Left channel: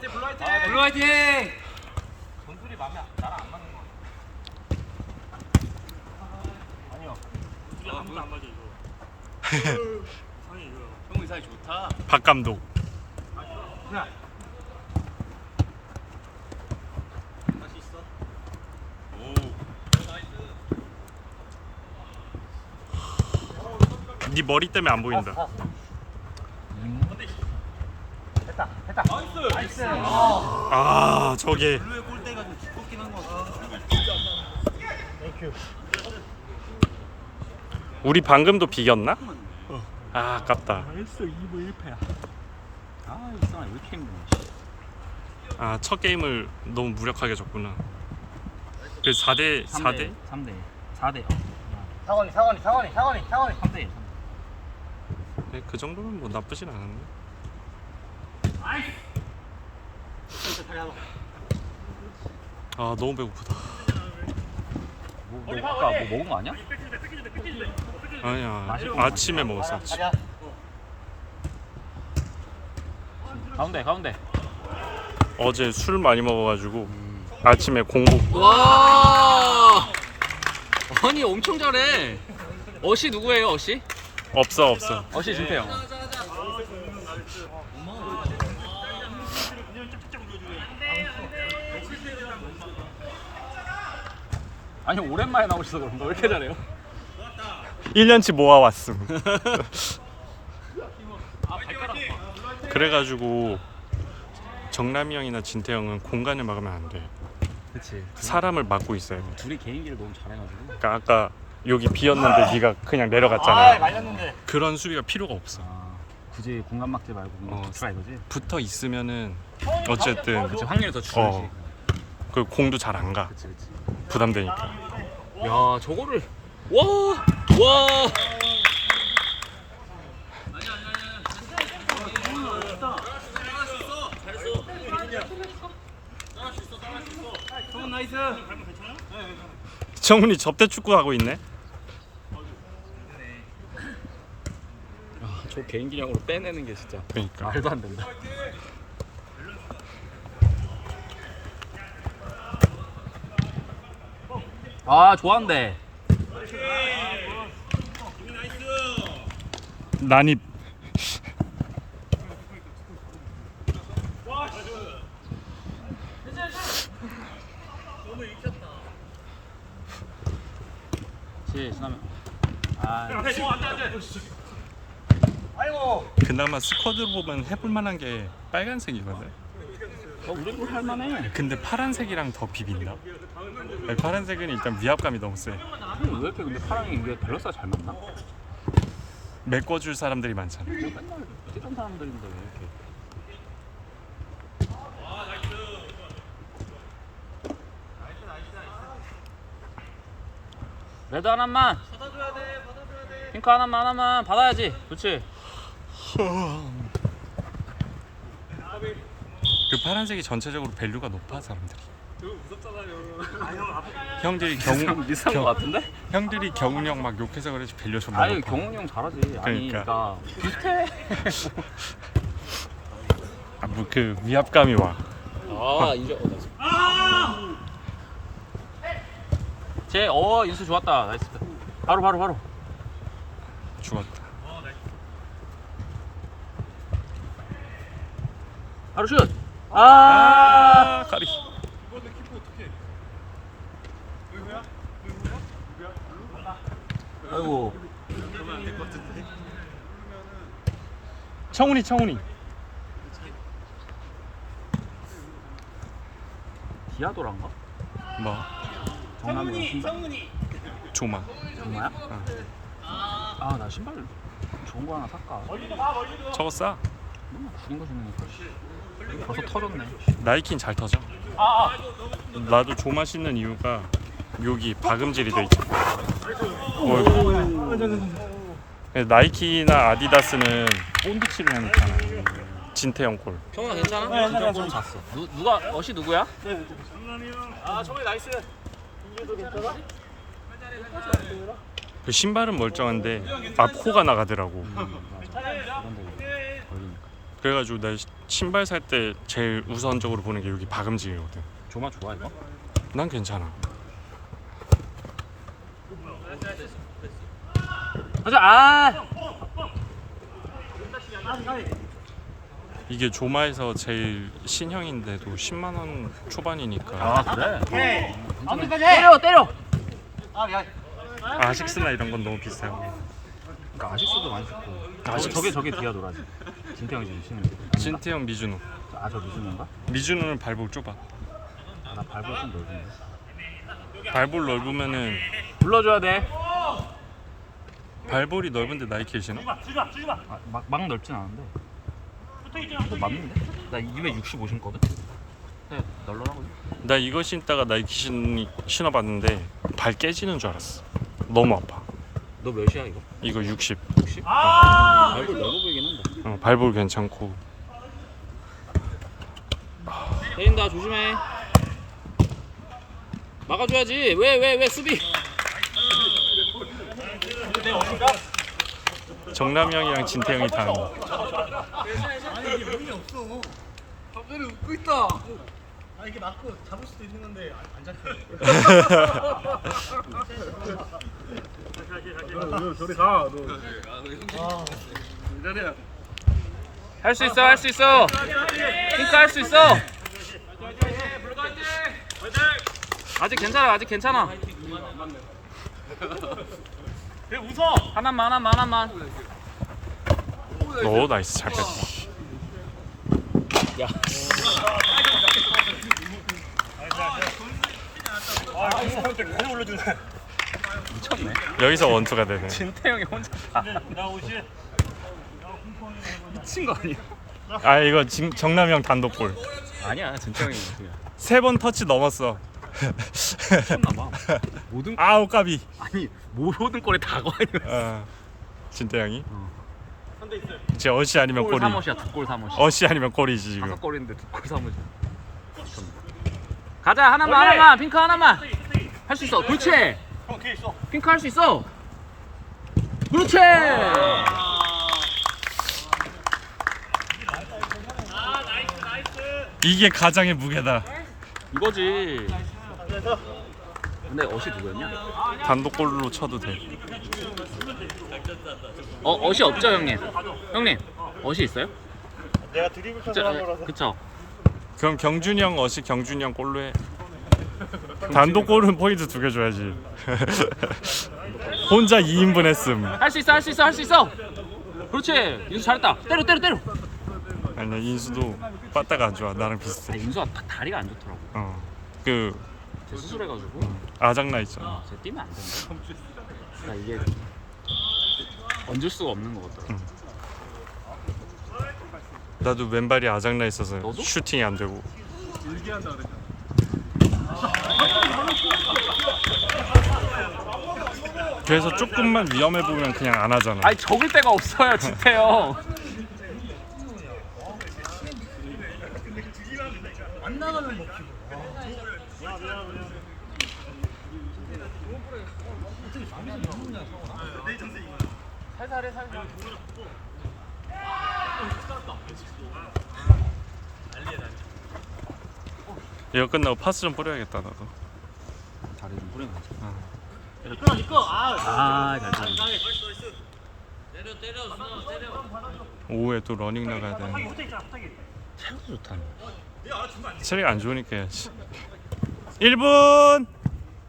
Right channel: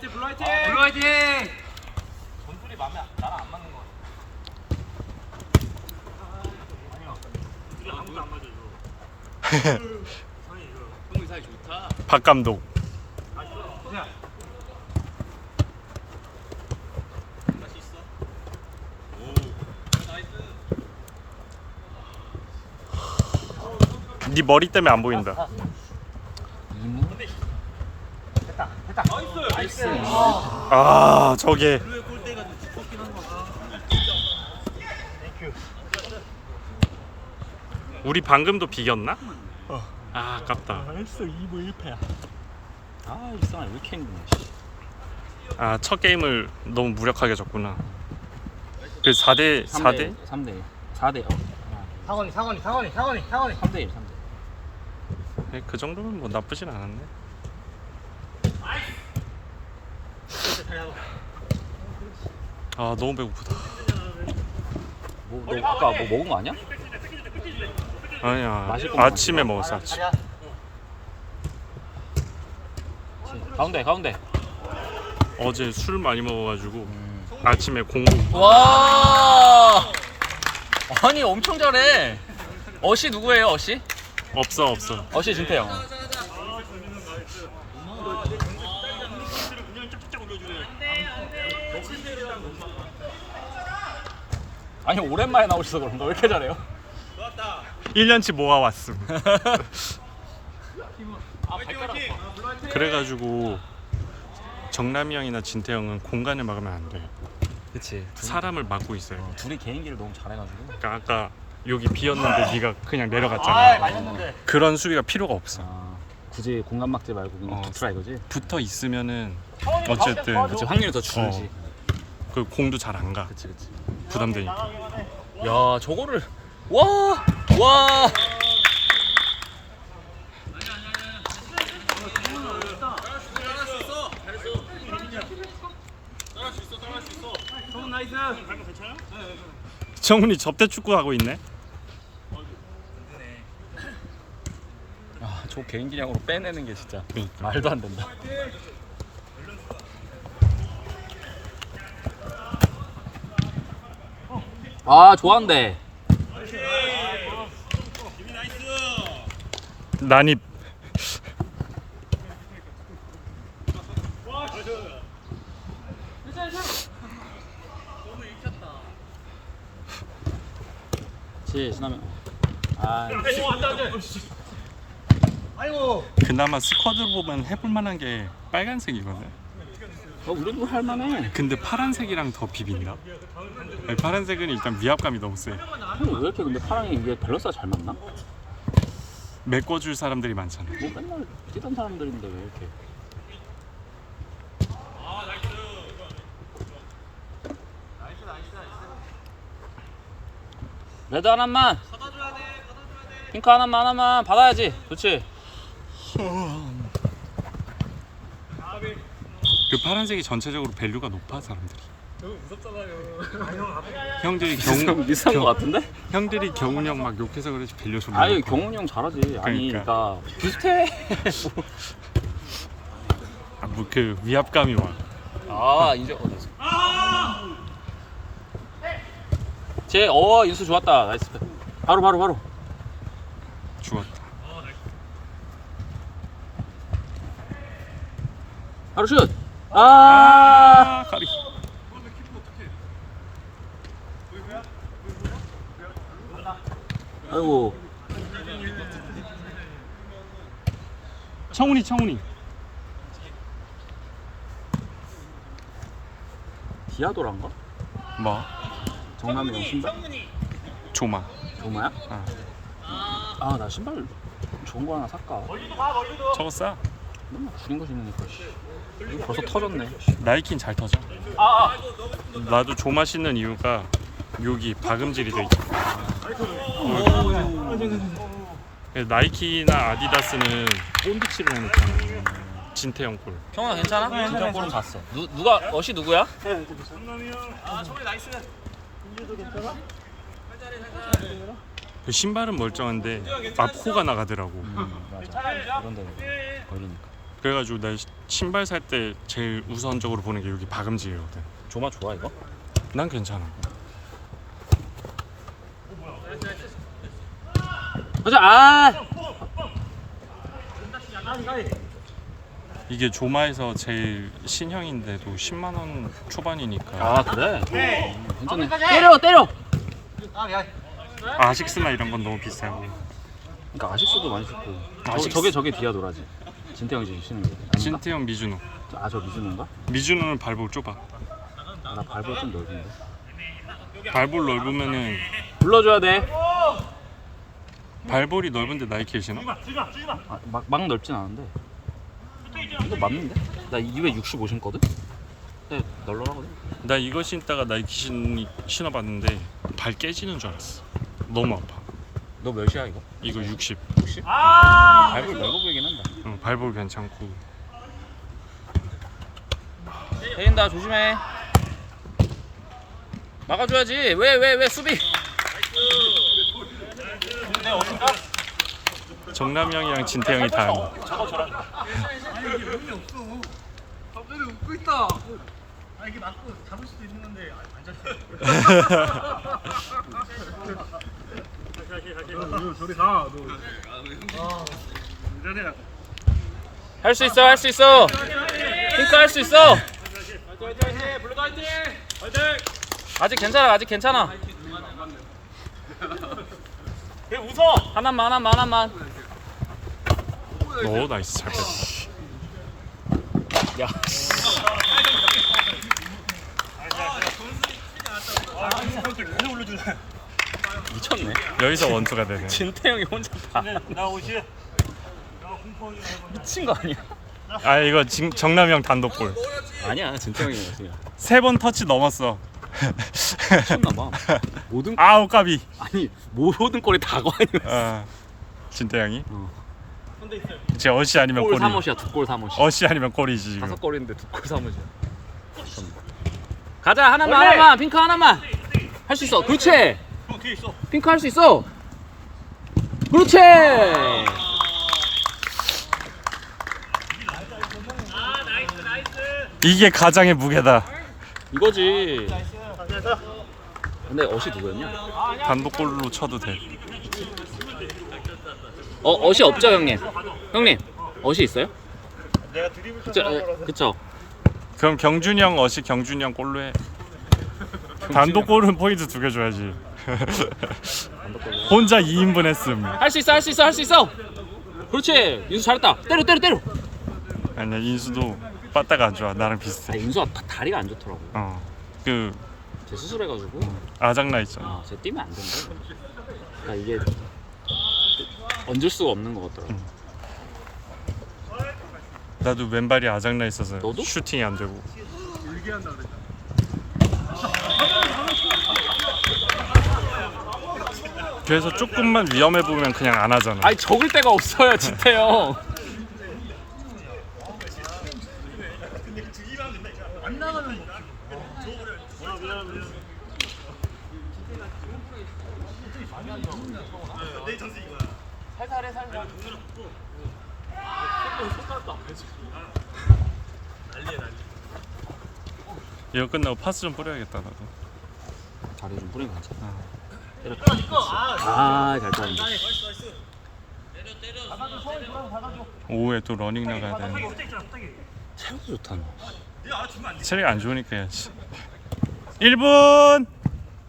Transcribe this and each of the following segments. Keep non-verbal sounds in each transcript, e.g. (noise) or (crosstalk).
블루 화이팅! 성훈이 사이 좋다. 박 감독. 네 머리 때문에 안 보인다. 아 저게 우리 방금도 비겼나? 아 아깝다. 벌써 2부 1패. 아, 이 사람 왜 이렇게 힘드냐. 아 첫 게임을 너무 무력하게 졌구나. 그 4대 4대 3대 4대. 어. 상원이 상원이 상원이 상원이 상원이. 3대 1. 3대. 네, 그 정도면 뭐 나쁘진 않았네. 아 너무 배고프다. 뭐, 너 아까 뭐 먹은 거 아니야? 아니야 아침에 먹었어 아침. 가운데 가운데. 어제 술 많이 먹어가지고 음. 아침에 공복 와. 아니 엄청 잘해. 어시 누구예요? 어시? 없어 없어. 어시 진태형. 아니 오랜만에 나오셔서 그런가 왜 이렇게 잘해요? (laughs) 1년치 모아왔음. (laughs) 그래가지고 정남이 형이나 진태 형은 공간을 막으면 안 돼. 그치. 사람을 막고 있어요. 둘이 개인기를 너무 잘해가지고. 그러니까 아까 여기 비었는데 네가 그냥 내려갔잖아. 말렸는데. 그런 수비가 필요가 없어. 아, 굳이 공간 막지 말고 그냥 어. 붙으라 이거지. 붙어 있으면은 어쨌든 그치 확률이 더 줄지. 어. 그 공도 잘 안 가. 그치 그치. 부담되니까. 야 저거를 와 와. 정훈이 접대 축구 하고 있네. 아 저 개인기량으로 빼내는 게 진짜 그러니까. 말도 안 된다. 아 좋아한데. 난입. 지나면. 아. 그나마 스쿼드로 보면 해볼 만한 게 빨간색이거든. 어, 우리도 할만해. 근데 파란색이랑 더 비빈다. 아니, 파란색은 일단 위압감이 너무 세. 형왜 이렇게 근데 파랑이 이게 밸런스가 잘 맞나? 뭐 메꿔줄 사람들이 많잖아. 맨날 뛰던 사람들인데 왜 이렇게? 레드 하나만. 받아줘야 돼. 받아줘야 돼. 핑크 하나만 하나만 받아야지. 좋지. 그 파란색이 전체적으로 밸류가 높아 사람들이. 형들이 경우 비슷한 경- 거 같은데? 형들이 경훈이 형 막 욕해서 그렇지 밸류 존나 아니 높아. 경훈이 형 잘하지. 아니 그러니까. 그러니까 비슷해. (laughs) 아, 뭐그 위압감이 와. 아 인정. 어, 나이스. 제 어 인수 좋았다. 나이스. 바로 바로 바로. 죽었다. 바로 슛. 아. 아, 까비. 아이고. 청훈이 청훈이. 디아도란가? 뭐? 정남이랑 신발? 조마. 정나야? 아. 아 나 신발 좋은 거 하나 살까? 저거 싸. 맨날 구린 거 신으니까 씨. 이거 벌써 터졌네. 나이키는 잘 터져. 나도 조마 신는 이유가 여기 박음질이 돼 있어. 나이키나 아디다스는 본드칠을 해놓잖아. 진태형 꼴. 형아 괜찮아? 네, 두 골은 봤어. 누 누가 어시 누구야? 그 신발은 멀쩡한데 앞 코가 나가더라고. 음, 맞아. 그런 데 어리니까. 그래가지고 나 신발 살 때 제일 우선적으로 보는 게 여기 박음질이거든. 조마 좋아 이거? 난 괜찮아. 가자 아. 이게 조마에서 제일 신형인데도 10만 원 초반이니까. 아 그래? 괜찮네 때려 때려. 아 아식스나 이런 건 너무 비싸고 그러니까 아식스도 많이 좋고. 아식스. 저게 저게 디아도라지. 진태형이 지금 신는데 진태형 미준호. 아저 미즈는가? 미준호는 발볼 좁아. 나 발볼 좀 넓은데. 발볼 넓으면은 불러줘야 돼 발볼이 넓은데 나이키 신어? 아, 막, 막 넓진 않은데 이거 맞는데? 나 265 신거든? 근데 널널하거든? 나 이거 신다가 나이키 신, 신어봤는데 발 깨지는 줄 알았어 너무 아파 너 몇이야 이거? 이거 60 60? 아~ 발볼 넓어 보이긴 한다 어, 발볼 괜찮고 때린다 조심해 막아줘야지 왜 왜 왜 수비 정남이 형이랑 진태 형이 다 하는 할수 있어 할 수 있어. 핑크 할수 있어. 아직 괜찮아 아직 괜찮아 하나만 하나만 하나만. 오 나이스. 잘 뺐다. 야. 미쳤네 여기서 원투가 되네. 진태형이 혼자. 나 옷이. 미친 거 아니야? 아 이거 진, 정남이 형 단독골. 아니야 진태형이 그냥 세번 터치 넘었어 미쳤나봐. 모든 아우 까비. 아니 모든 골이 다 과연 어, 진태 형이? 어. 제 어시 아니면 골 골이. 두골 사못이 어시 아니면 골이지 지금. 다섯 골인데 두골 사못이 가자 하나만 하나만. 핑크 하나만. 할 수 있어. 그렇지. 핑크 할 수 있어. 그렇지. 이게 가장의 무게다. 이거지 근데 어시 누구였냐? 단독골로 쳐도 돼. 어 어시 없죠 형님? 형님 어시 있어요? 내가 드리블 그쵸 쳐서 에, 거라서. 그쵸. 그럼 경준이 형 어시 경준이 형 골로 해. 단독골은 포인트 두 개 줘야지. (laughs) 혼자 2인분 했음. 할 수 있어 할 수 있어 할 수 있어. 그렇지. 윤수 잘했다. 때려 때려 때려. 아니야 인수도 빠따가 안 좋아. 나랑 비슷해. 아, 윤수가 다, 다리가 안 좋더라고. 어 그 제 수술해가지고 아작나 있잖아 아, 쟤 뛰면 안 된다. 그러니까 이게 얹을 수가 없는 것 같더라고. 나도 왼발이 아작나 있어서 너도? 슈팅이 안 되고 그래서 조금만 위험해 보면 그냥 안 하잖아 아니 적을 데가 없어요, 진태형. 이거 끝나고 파스 좀 뿌려야겠다 나도 다리 좀거 같아. 아. 아, 잘. 오후에 또 러닝 나가야 되는데 체력도 좋다. 체력이 안 좋으니까 해야지 1분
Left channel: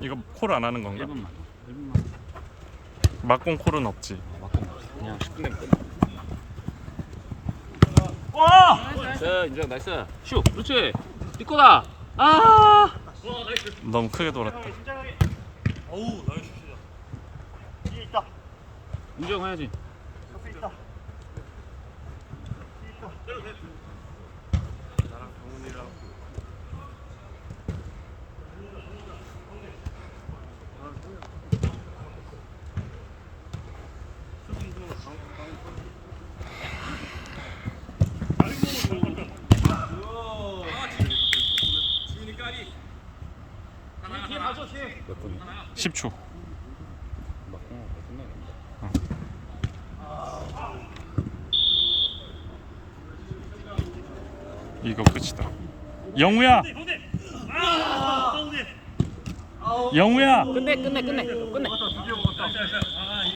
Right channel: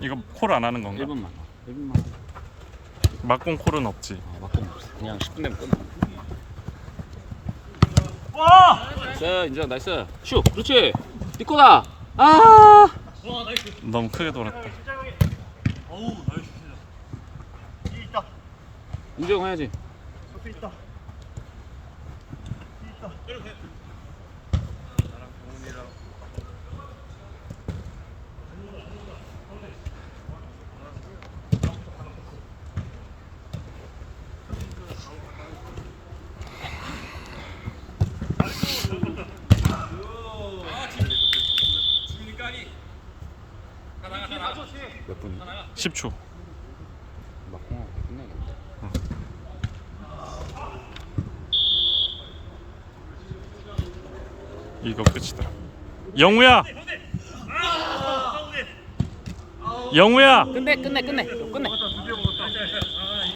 이거 콜 안 하는 건가? 1분만. 1분만. 막공 콜은 없지 없어. 그냥 10분 되면 끝나. 나이스, 인정, 나이스. 슈, 그렇지. 니꺼다. 아, 너무 크게 돌았다 인정 해야지. 몇 분이? 10초 막 공하고 끝나겠네. 이거 끝이다. 영우야. 영우야. 끝내 끝내 끝내 끝내